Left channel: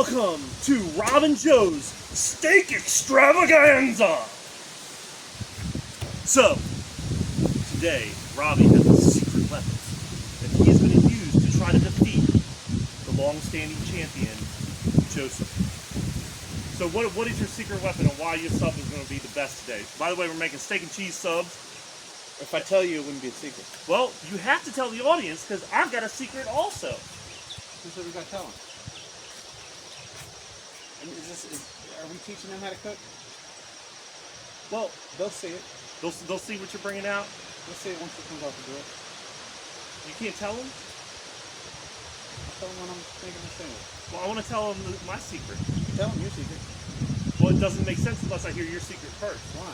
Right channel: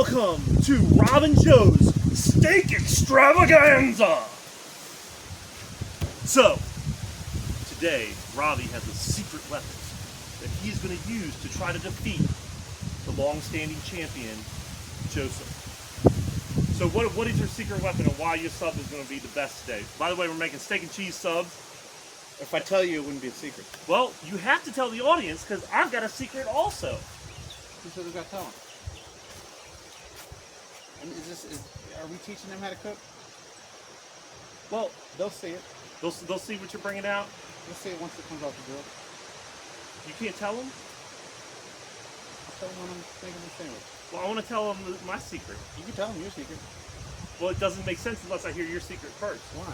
Welcome to Rob and Joe's Steak Extravaganza! So, today, Robbie has a secret weapon that he is going to use to try to defeat the long-standing champion, Joseph. So what is your secret weapon and why your sub is going to be the best today? By the way, we're making steak and cheese subs. If I tell you, it wouldn't be a secret. Well, you have to tell the audience because I've got a secret also. Who's what we got to tell them? I mean, are we teaching them how to cook? Well, they'll see it. They'll see what you're bringing out. They'll see it once it comes off the grill. You can't tell them? I'll tell them when I'm making the sandwich. Well, I want to tell them my secret. You can tell them your secret. Well, it doesn't make sense unless I hear your secret first. Why?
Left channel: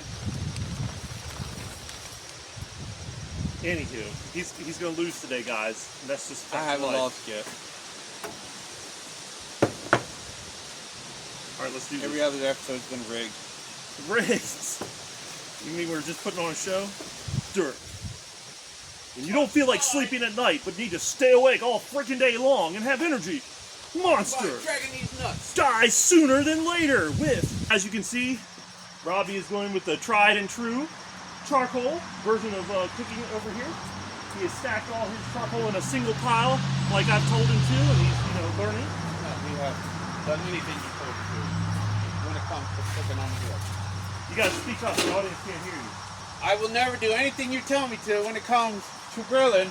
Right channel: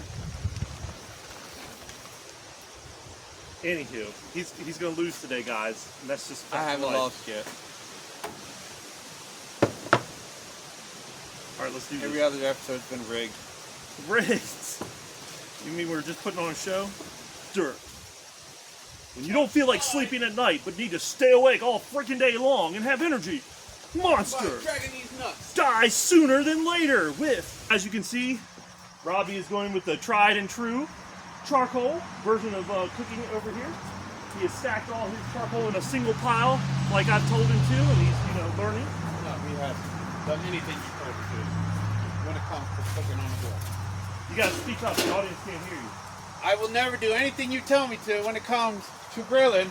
Anywho, he's going to lose today, guys. And that's just I haven't lost yet. All right, let's do this. Every other episode's been rigged. Rigged? You mean we're just putting on a show? Dirt. When you don't feel like sleeping at night, but need to stay awake all freaking day long and have energy, monster die sooner than later with, as you can see, Robbie is going with the tried and true charcoal version of cooking over here. He has stacked all his charcoal in a single pile, like I've told him to, and he's, learning. No, we have done anything you told us to when it comes to cooking on the grill. You gotta speak up, the audience can't hear you. I will never do anything you tell me to when it comes to grilling,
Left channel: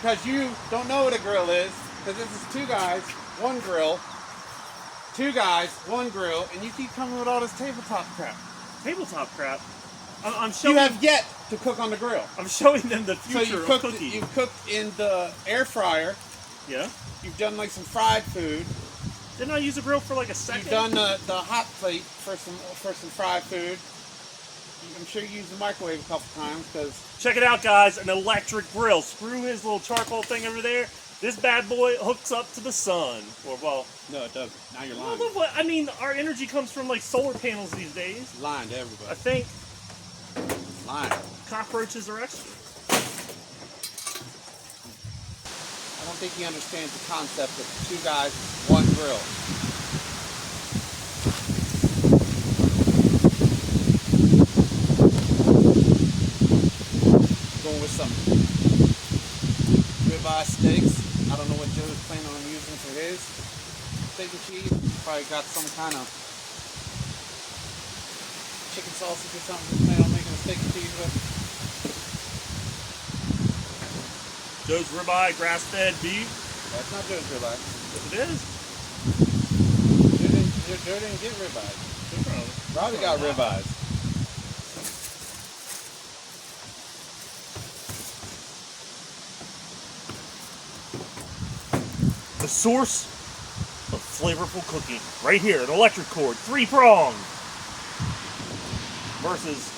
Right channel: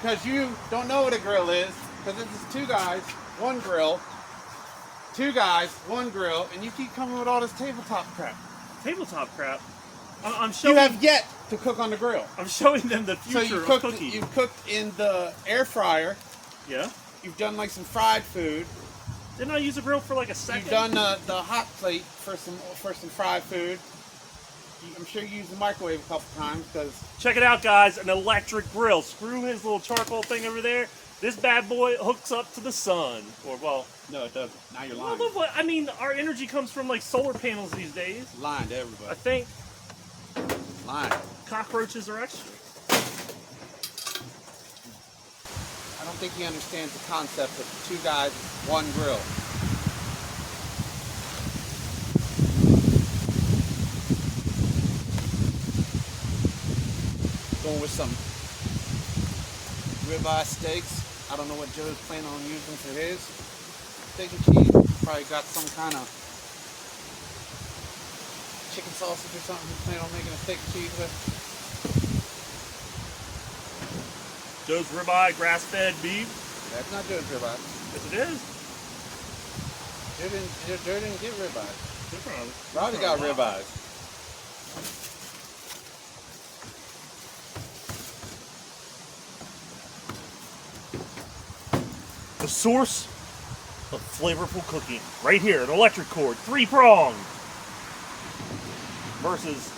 because you don't know what a grill is, because this is 2 guys, 1 grill, 2 guys, 1 grill, and you keep coming with all this tabletop crap. Tabletop crap? I'm showing. You have yet to cook on the grill. I'm showing them the future so of cooking. You cooked in the air fryer. Yeah. You've done like some fried food. Didn't I use a grill for like a second? You've done the hot plate for some fried food. I'm sure you used the microwave a couple times because. Check it out, guys! An electric grill. Screw his little charcoal thing over there. This bad boy hooks up to the sun, or well. No, it doesn't. Now you're lying. Well, I mean, our energy comes from like solar panels these days. Lying to everybody. I think. Lying. Cockroaches are extra. I don't think he understands the concept of 2 guys, 1 grill. Going with some ribeye steaks. I don't know what Joe's planning on using for his steak and cheese. Probably got some kind of chicken sausage or something he's planning on making a steak and cheese with. Joe's ribeye, grass-fed beef. That's not Joe's ribeye. Yes, it is. Joe didn't get ribeyes. Robbie got ribeyes. The source of flavorful cooking. Right here, an electric cord, 3-pronged. Versus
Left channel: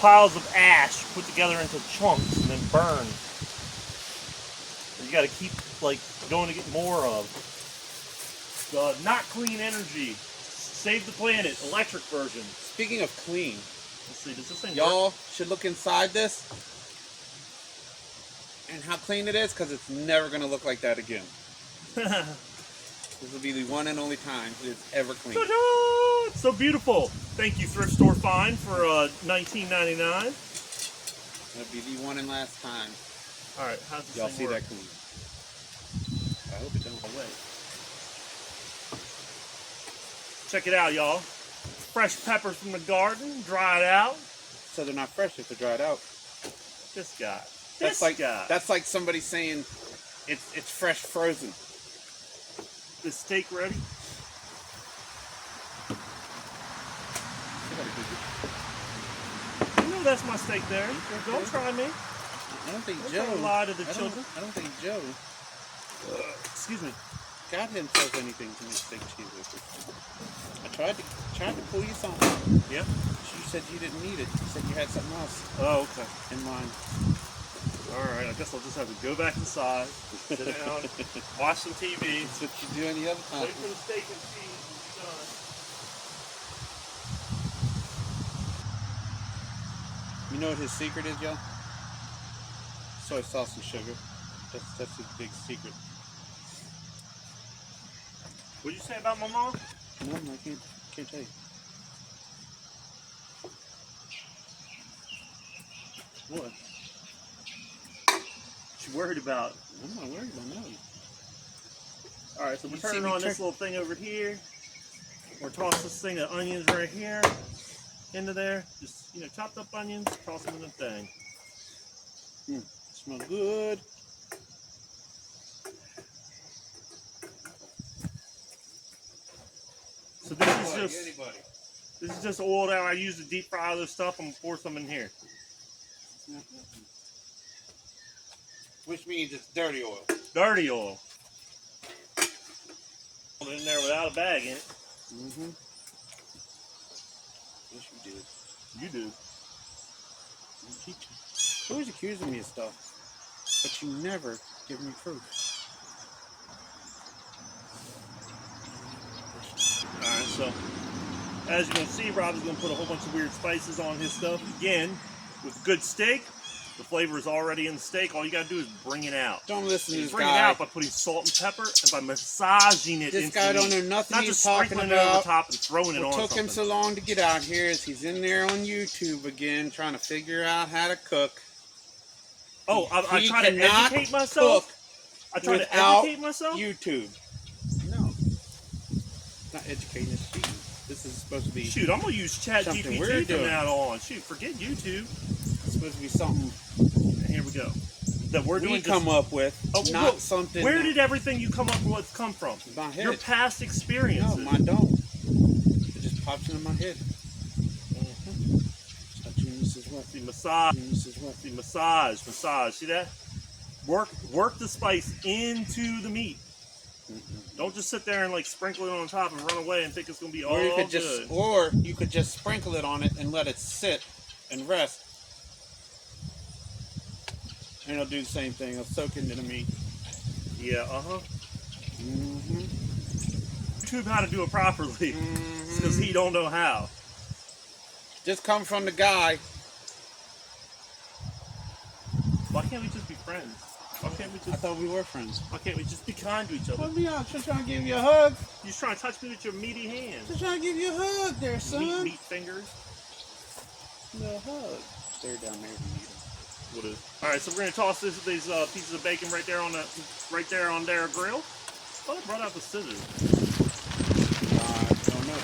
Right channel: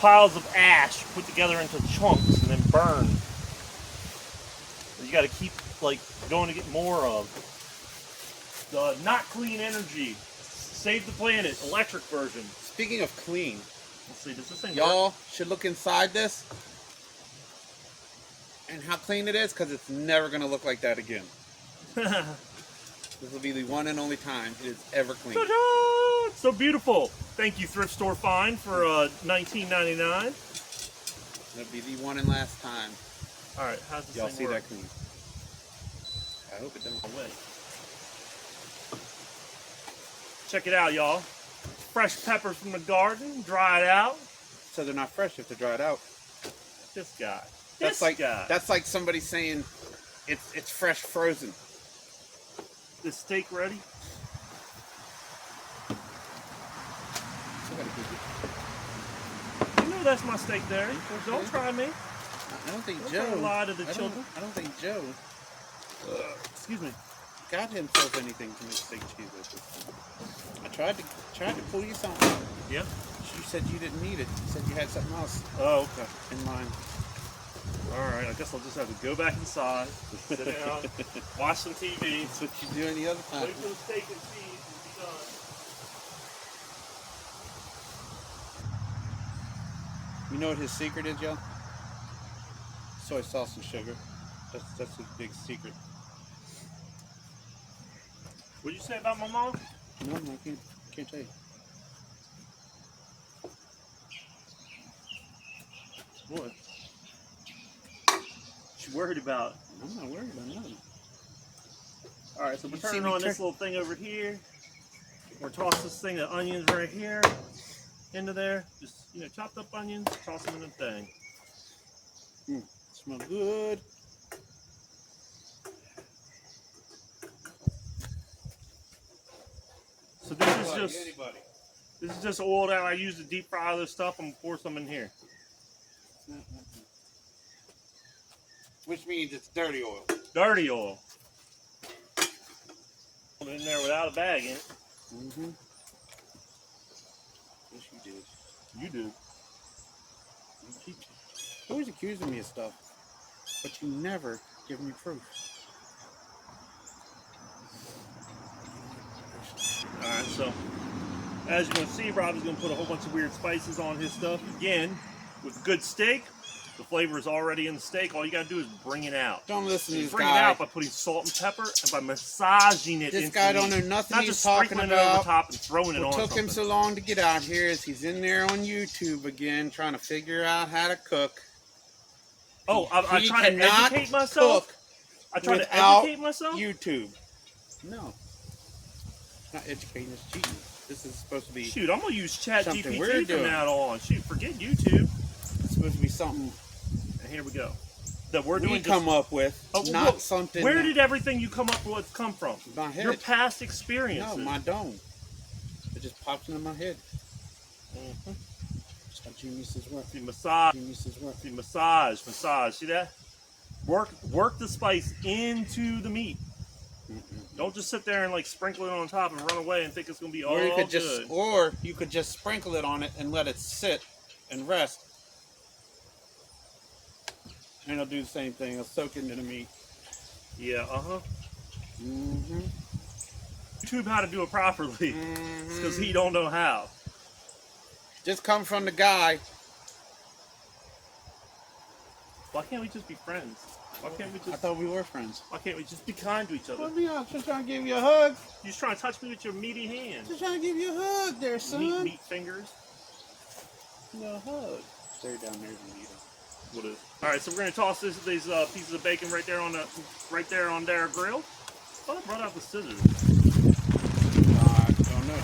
piles of ash put together into chunks and then burned. You got to keep going to get more of the not clean energy. Save the planet, electric version. Speaking of clean, let's see, does this thing y'all work? should look inside this and how clean it is, because it's never going to look like that again. This will be the one and only time it is ever clean. Ta-da! It's so beautiful. Thank you, Thrift Store Find, for $19.99. It'll be the one and last time. All right, how's this y'all thing see work? that clean? I hope it don't. Away. Check it out, y'all. Fresh peppers from the garden, dried out. So they're not fresh if they're dried out. This guy. That's like somebody saying it's fresh frozen. This steak ready? You know that's my steak there. Don't try me. I don't think Joe. Don't lie to the children. I don't think Joe. Excuse me. Got himself anything to make steak cheese with. I tried to pull you something. Yeah. You said you didn't need it. You said you had something else. Oh, okay. In mind. All right. I guess I'll just have to go back inside, sit down, watch some TV. That's what you do any other time. Wait for the steak and cheese will be done. You know what his secret is, y'all? Soy sauce and sugar. That's his big secret. What'd you say about my mom? No, I can't tell you. What? She worried about. I'm not worried about nothing. All right, so we're turning on this little thing over here. We're toss this thing of onions right here into there. Just, you know, chopped up onions, toss them in the thing. Smell good. So this is just oil that I use to deep fry this stuff. I'm gonna pour some in here. Which means it's dirty oil. Dirty oil. Put it in there without a bag in it. Mm-hmm. Yes, you did. You do. You always accusing me of stuff, but you never give me proof. Alright, so as you can see, Rob is going to put a whole bunch of weird spices on his stuff. Again, with good steak, the flavor is already in the steak. All you got to do is bring it out. Don't listen to this guy. Bring it out by putting salt and pepper and by massaging it into the meat. This guy don't know nothing Not just sprinkling it over top and throwing it on something. What took him so long to get out here is he's in there on YouTube again trying to figure out how to cook. Oh, I try to educate myself? I try to educate myself? YouTube. No. Not educating, it's cheating. This is supposed to be. Shoot, I'm going to use ChatGPT from now on. Shoot, forget YouTube. It's supposed to be something. Here we go. That we're doing. Come up with, not something. Where did everything you come up with come from? My head. Your past experiences. No, mine don't. It just pops into my head. Mm-hmm. Genius is what? See, massage. Genius is what? See, massage. See that? Work the spice into the meat. Don't just sit there and like sprinkle it on top and run away and think it's gonna be all good. Or you could just sprinkle it on it and let it sit and rest. And it'll do the same thing. It'll soak into the meat. Yeah, Mm-hmm. YouTube how to do it properly. Because he don't know how. Just come from the guy. Why can't we just be friends? Why can't we just? I thought we were friends. Why can't we just be kind to each other? Well, yeah, I'm just trying to give you a hug. You're just trying to touch me with your meaty hands. Just trying to give you a hug there, son. Meat fingers. No hug. Stare down there if you need it. What is? All right, so we're gonna toss these pieces of bacon right there on their grill. I thought I brought out the scissors. I don't know.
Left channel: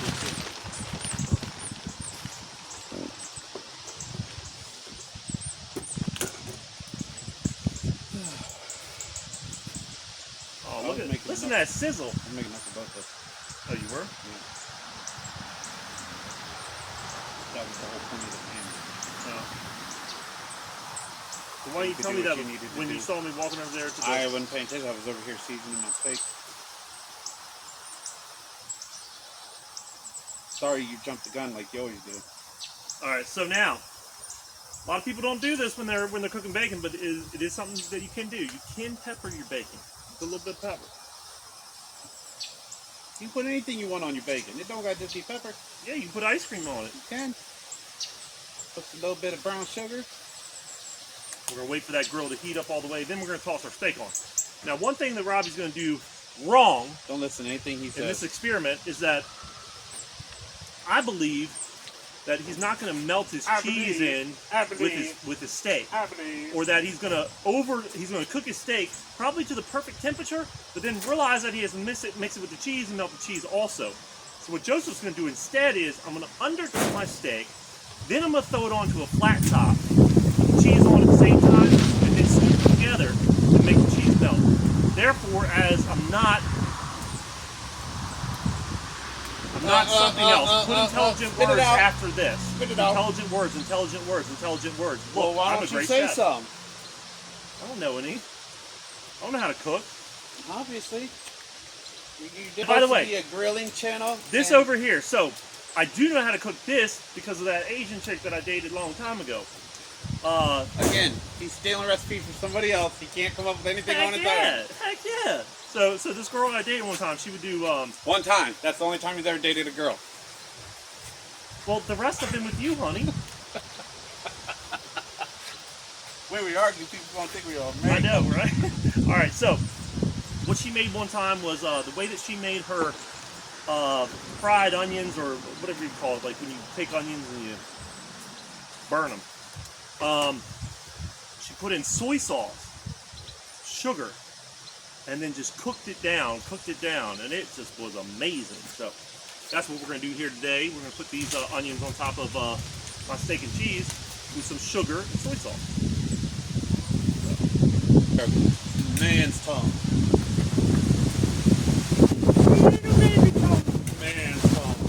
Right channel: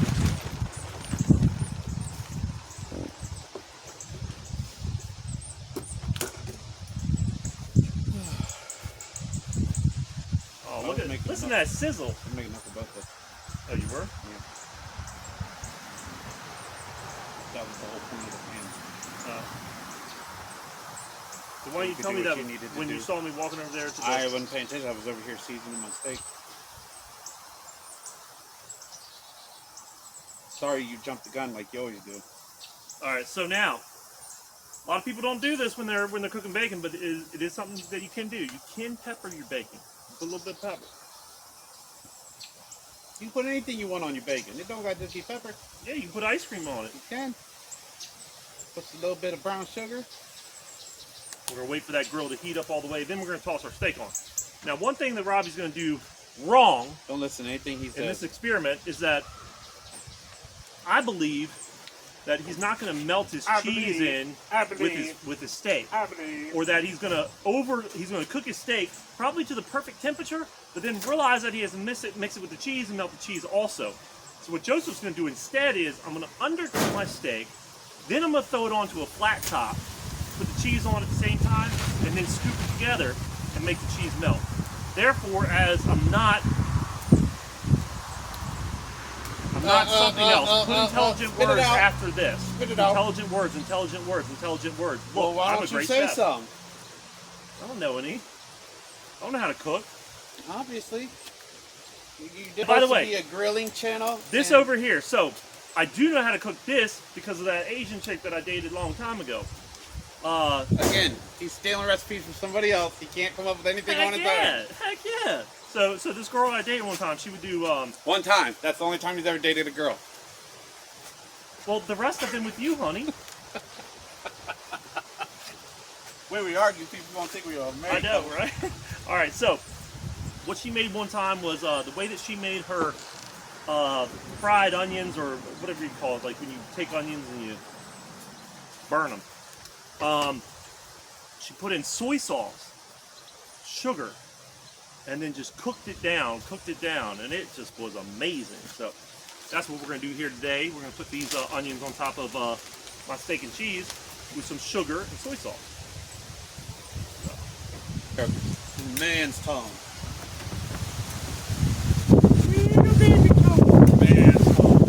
Oh, look at listen to that sizzle. I'm making enough for both of us. Oh, you were? Yeah. That was the whole point of the pan. Oh. So why didn't you tell me that when you saw me walking over there to the... I wasn't paying attention. I was over here seasoning my steak. Sorry you jumped the gun like you always do. Alright, so now, a lot of people don't do this when they're cooking bacon, but it is something that you can do. You can pepper your bacon. Put a little bit of pepper. You can put anything you want on your bacon. It don't got to just be pepper. Yeah, you can put ice cream on it. You can. Put a little bit of brown sugar. We're going to wait for that grill to heat up all the way. Then we're going to toss our steak on. Now, one thing that Robbie's going to do wrong don't listen to anything he says. In this experiment is that I believe that he's not going to melt his cheese in with his steak, or that he's going to cook his steak probably to the perfect temperature, but then realize that he has to mix it with the cheese and melt the cheese also. So what Joseph's going to do instead is I'm going to undercook my steak, then I'm going to throw it onto a flat top, put the cheese on at the same time, and then scoop it together and make the cheese melt. Therefore, as I'm not something else. Put intelligent words after this. Intelligent words, intelligent words, intelligent words. Look, well, I'm a great chef. Some? I don't know any. I don't know how to cook. Obviously. By the way, be a grilling channel. This over here. So, I do know how to cook this because of that Asian chick that I dated a long time ago. Again, he's stealing recipes from somebody else. He can't come up with anything on his own. Heck yeah. So this girl I dated one time, she would do... One time. That's the only time he's ever dated a girl. Well, the rest have been with you, honey. When we argue, people don't think we are married. I know, right? All right, so what she made one time was the way that she made her fried onions, or whatever you call it, like when you take onions and you burn them. She put in soy sauce, sugar, and then just cooked it down, and it just was amazing. So that's what we're going to do here today. We're going to put these onions on top of my steak and cheese with some sugar and soy sauce. So. Man's tongue. Man's tongue.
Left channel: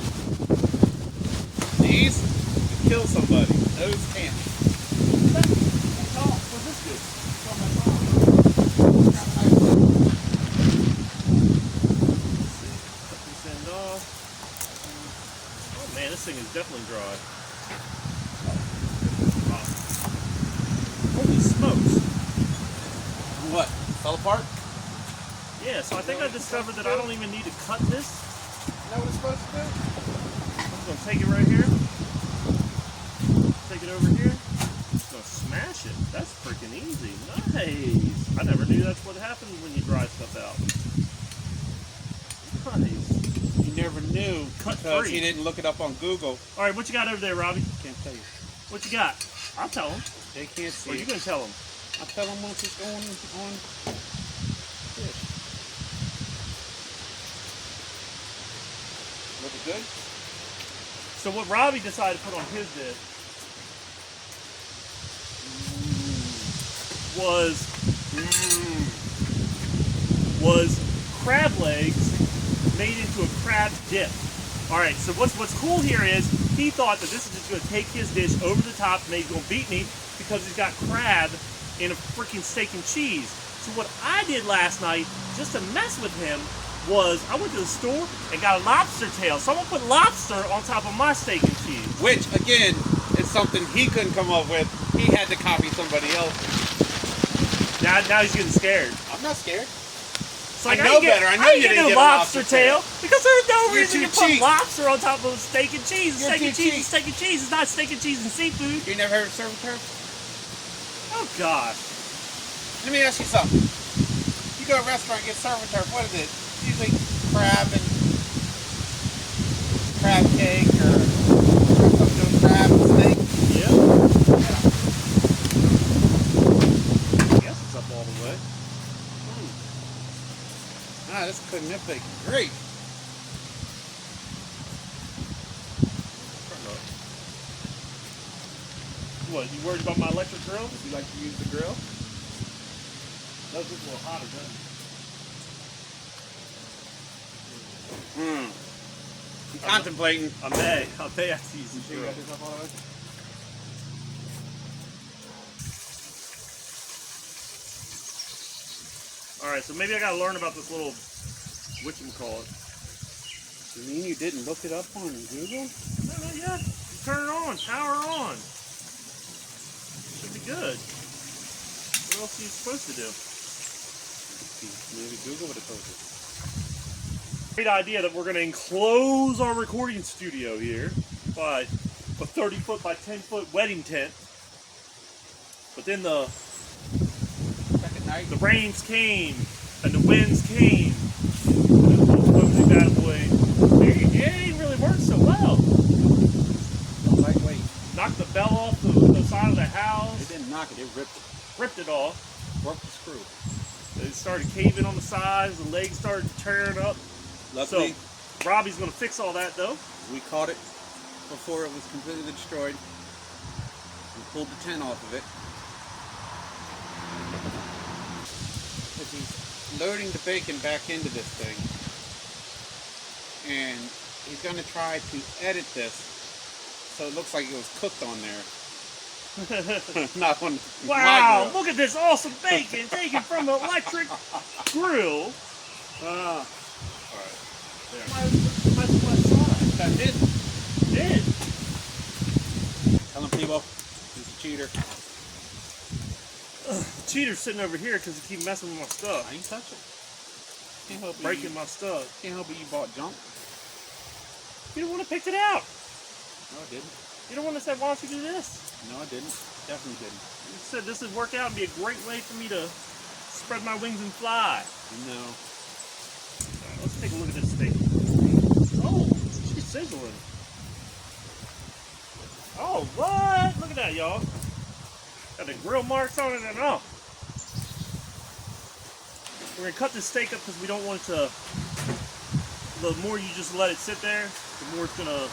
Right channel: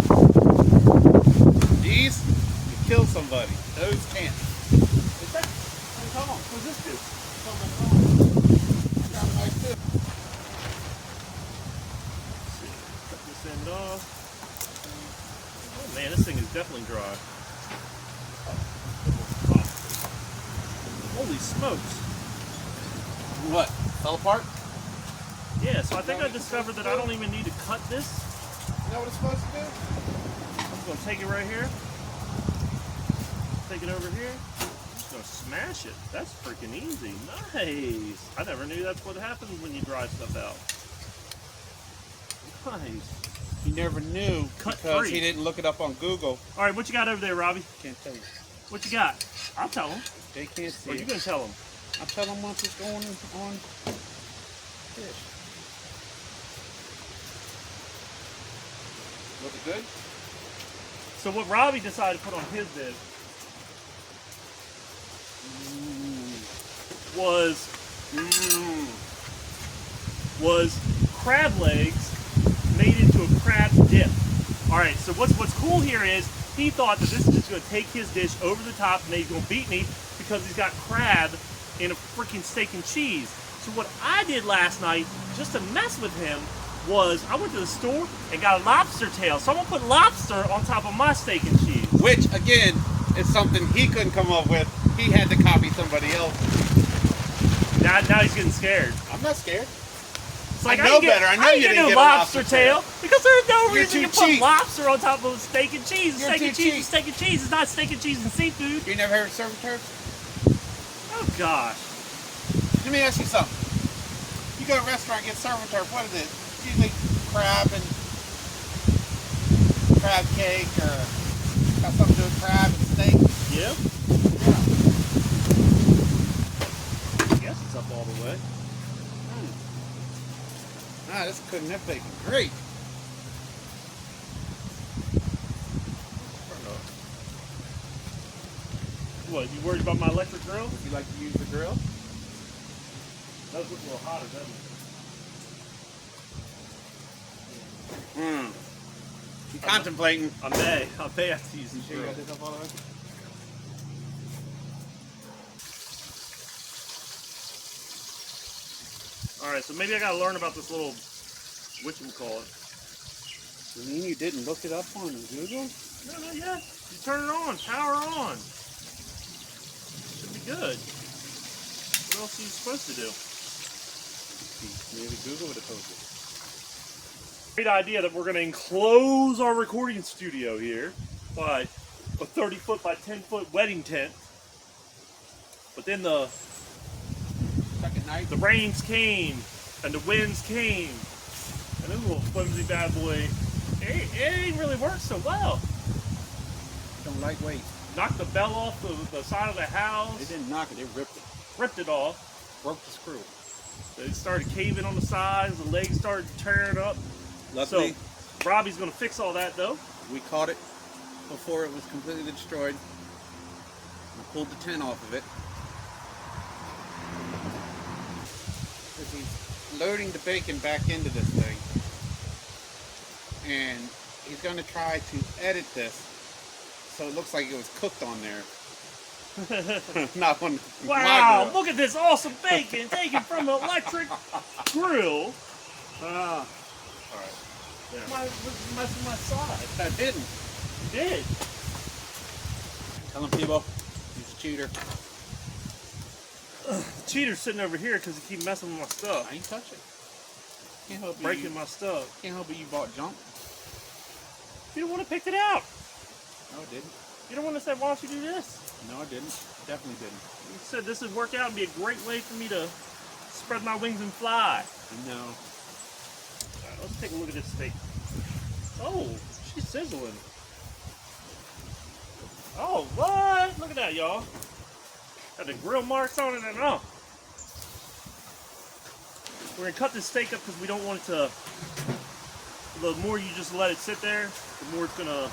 These could kill somebody. Those can't. What's this do? Cut this end off. Oh man, this thing is definitely dry. Holy smokes. What? Fell apart? Yeah, so I think I discovered that I don't even need to cut this. You know what it's supposed to do? I'm just going to take it right here. Take it over here. Just going to smash it. That's freaking easy. Nice. I never knew that's what happened when you dry stuff out. Nice. He never knew Cut because free. he didn't look it up on Google. All right, what you got over there, Robbie? Can't tell you. What you got? I'll tell him. They can't see Or are you it. going to tell him? I'll tell them once it's going on. This. Looking good? So what Robbie decided to put on his dish was crab legs made into a crab dip. All right, so what's cool here is he thought that this is just going to take his dish over the top and he's going to beat me because he's got crab in a freaking steak and cheese. So what I did last night, just to mess with him, was I went to the store and got a lobster tail. So I'm going to put lobster on top of my steak and cheese. Which, again, is something he couldn't come up with. He had to copy somebody else. Now he's getting scared. I'm not scared. It's like, I know better. I know you ain't didn't get no get a lobster lobster tail because there's no You're reason too to put cheap. lobster on top of steak and cheese. You're Steak and too cheese cheap. is steak and cheese. It's not steak and cheese and seafood. You never heard of serving turf? Oh gosh. Let me ask you something. You go to a restaurant and get serving turf, what is it? Usually crab and crab cake or something with crab and steak. Yeah. I guess it's up all the way. Ah, this cooking that bacon great. What, you worried about my electric grill? You like to use the grill? That looks a little hotter, doesn't it? I'm contemplating. I may have to use the You sure you grill. got this up all the way? Alright, so maybe I gotta learn about this little whatchamacallit. You mean you didn't look it up on Google? No, not yet. You turn it on, power on. Should be good. What else are you supposed to do? Maybe Google would have told you. Great idea that we're going to enclose our recording studio here by a 30-foot by 10-foot wedding tent. But then the Second night. rains came and the winds came. And this little flimsy bad boy, it ain't really worked so well. Don't lightweight. Knocked the bell off the side of the They house, didn't knock it, they ripped it. ripped it off. Broke the screw. It started caving on the sides, the legs started tearing up. Luckily, So Robbie's going to fix all that though. we caught it before it was completely destroyed. We pulled the tent off of it. As he's loading the bacon back into this thing. And he's going to try to edit this so it looks like it was cooked on there. Not on my Wow, grill. look at this awesome bacon taken from an electric grill. Ah, Alright, there. My side. that didn't. Did. Tell him, people, he's a cheater. The cheater's sitting over here because he keep messing with my I stuff. ain't touch it. Can't help Breaking my stuff. Can't help it you bought junk. You don't want to pick it out. No, I didn't. You don't want to say, why don't you do this? No, I didn't. Definitely didn't. You said this would work out and be a great way for me to spread my wings and fly. No. Alright, let's take a look at this steak. Oh, she's sizzling. Oh, what? Look at that, y'all. Got the grill marks on it and all. We're gonna cut this steak up because we don't want it to. The more you just let it sit there, the more it's gonna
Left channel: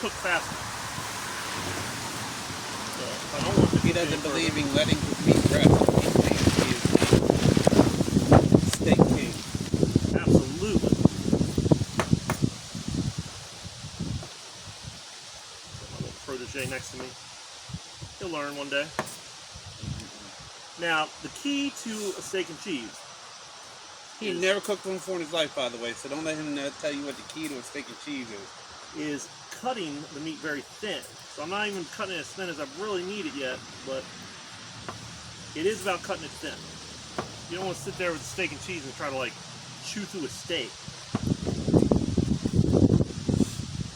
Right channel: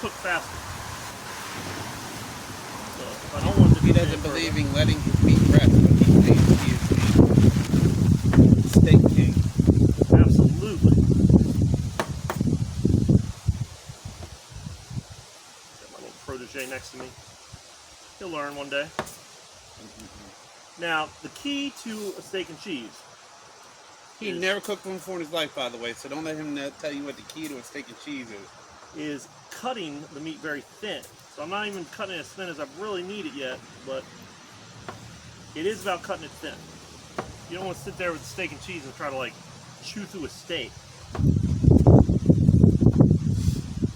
cook faster. So I don't want it to He cook doesn't any believe further. in letting his meat rest. Steak cheese. Absolutely. Got my little protege next to me. He'll learn one day. Now, the key to a steak and cheese. He never cooked one before in his life, by the way, so don't let him tell you what the key to a steak and cheese is cutting the meat very thin. So I'm not even cutting it as thin as I really need it yet, but it is about cutting it thin. You don't want to sit there with the steak and cheese and try to like chew through a steak.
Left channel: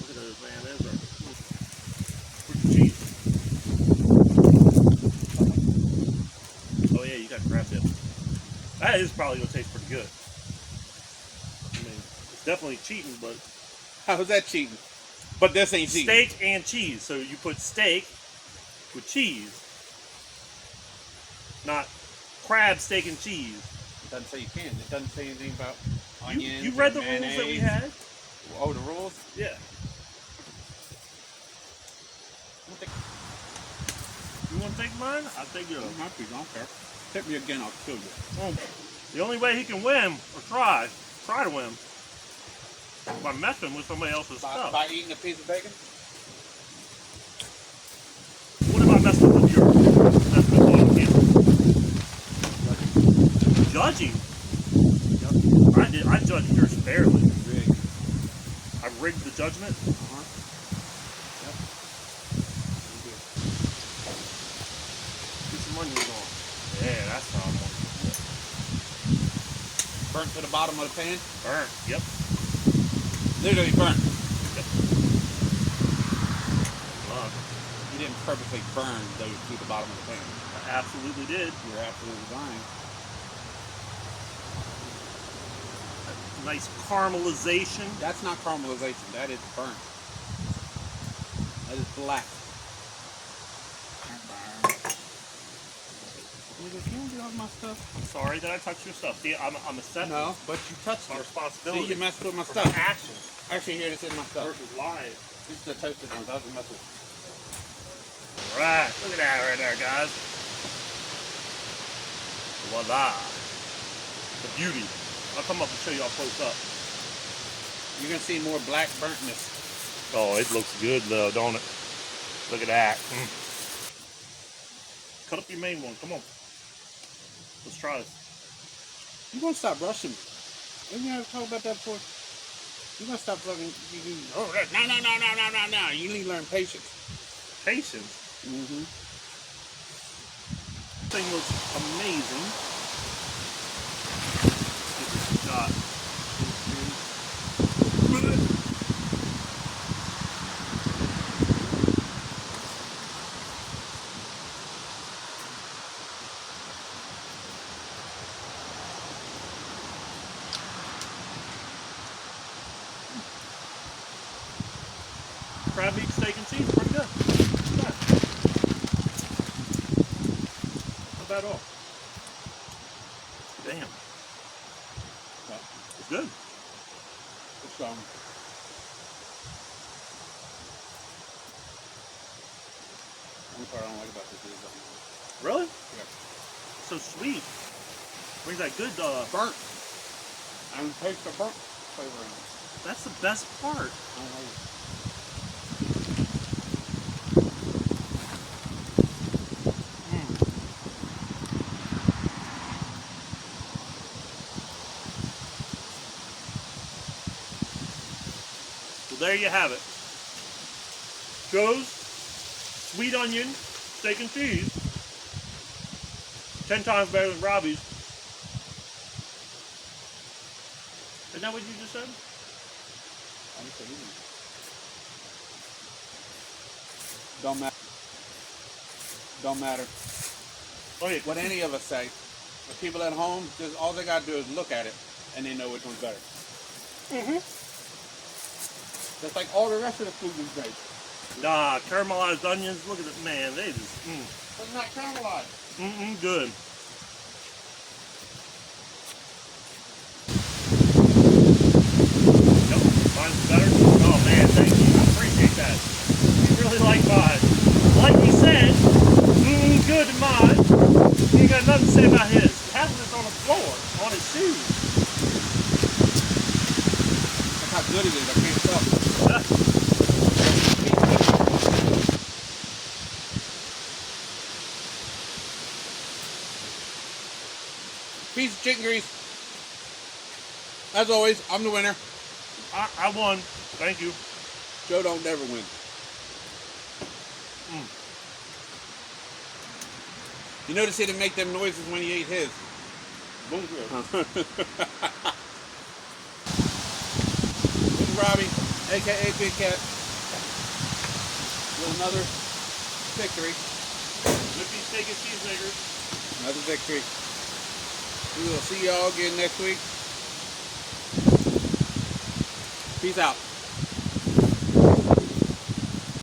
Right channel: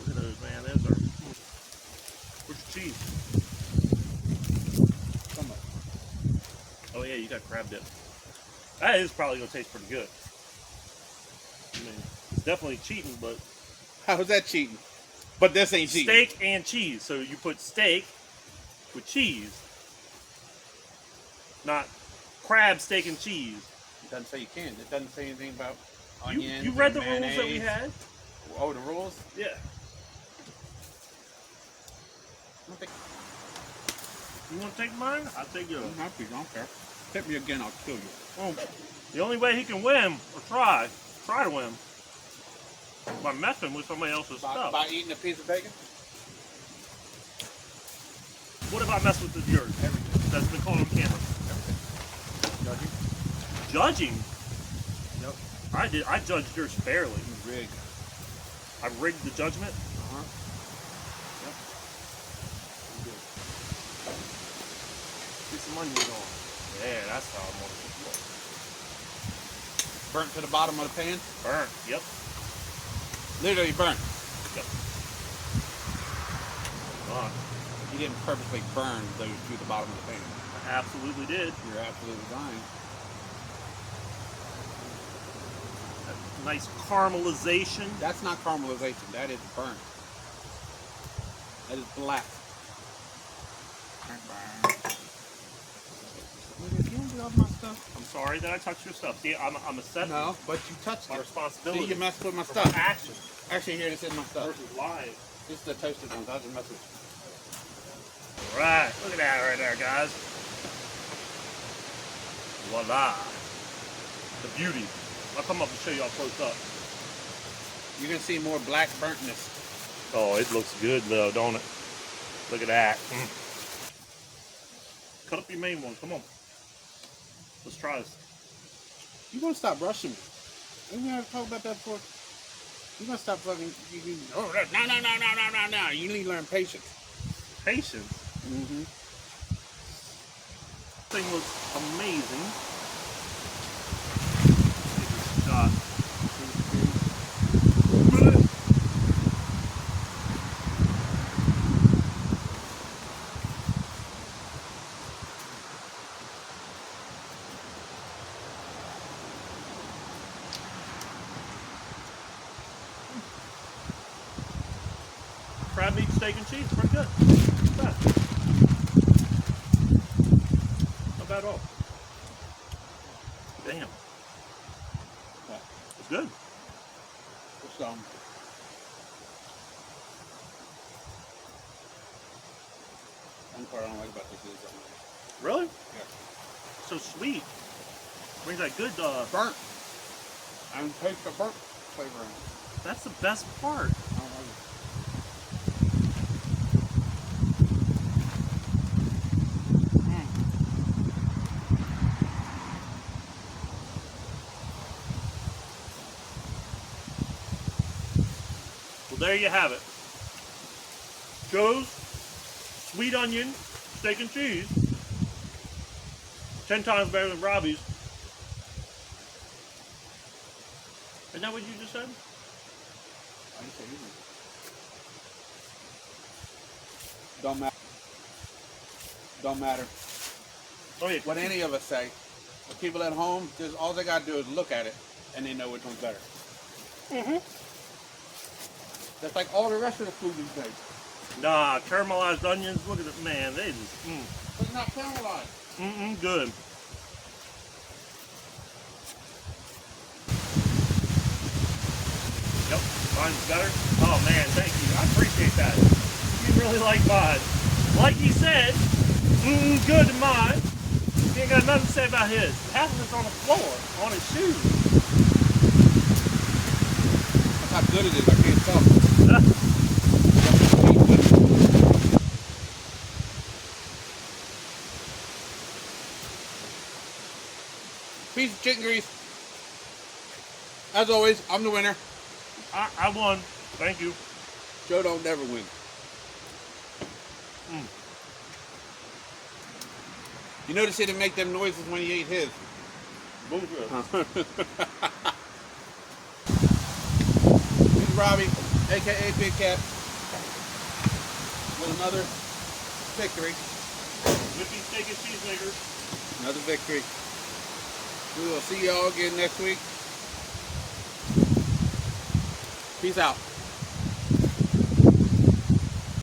Look at those, man. Those are. Where's your cheese? Oh yeah, you got crab dip. That is probably gonna taste pretty good. I mean, it's definitely cheating, but How was that cheating? But this ain't cheating. steak and cheese. So you put steak with cheese, not crab, steak, and cheese. It doesn't say you can. It doesn't say anything about You onions. read the and rules that we mayonnaise. had? Oh, the rules? Yeah. I don't think You want to take mine? I'll take yours. I'm happy. I don't care. Hit me again, I'll kill you. Oh, the only way he can win, or try to win, by messing with somebody else's stuff. By eating a piece of bacon? What if I messed with yours? That's been caught on camera. Judging? I judged yours fairly. Rigged. I rigged the judgment. Uh-huh. Yep. Get some onions on. Yeah, that's how I want it. Burnt to the bottom of the pan? Burnt. Yep. Literally burnt. Yep. You didn't purposely burn those to the bottom of the pan. I absolutely did. You're absolutely lying. A nice caramelization. That's not caramelization. That is burnt. That is black. Nigga, you don't get off my stuff. I'm sorry that I touched your stuff. See, I'm accepting No, but you touched my it. responsibility. See, you messed with my for stuff. my action Actually, here, this is my stuff. versus lies. This is the toasted ones. I just messed with. All right, look at that right there, guys. Voila. The beauty. I'll come up and show y'all close up. You're gonna see more black burntness. Oh, it looks good though, don't it? Look at that. Cut up your main one. Come on. Let's try this. You gonna stop rushing me? Didn't you ever talk about that before? You gonna stop fucking? No. You need to learn patience. Patience. Mm-hmm. Thing looks amazing. Give this a shot. Crab meat, steak, and cheese, pretty good. Not bad. Not bad at all. Damn. What? It's good. It's one part I don't like about this is Really? yeah. So sweet. Brings that good, Burnt. I don't taste the burnt flavor in it. that's the best part. I don't like it. Well, there you have it. Joe's sweet onion steak and cheese. 10 times better than Robbie's. Isn't that what you just said? I just said easy. Don't matter. Don't matter. Oh yeah. What any of us say. The people at home, just all they gotta do is look at it, and they know which one's better. Mm-hmm. Just like all the rest of the food these days. Nah, caramelized onions. Look at it, man. They just, But not caramelized. good. Yep, mine's better. Oh man, thank you. I appreciate that. You really like mine. Like he said, good in mine. He ain't got nothing to say about his. Half of it's on the floor, on his shoes. That's how good it is. I can't tell. Piece of chicken grease. As always, I'm the winner. I won. Thank you. Joe don't never win. You notice he didn't make them noises when he ate his. Bullshit. This is Robbie, aka Big Cat, with another victory. Nippy steak and cheese makers. Another victory. We will see y'all again next week. Peace out.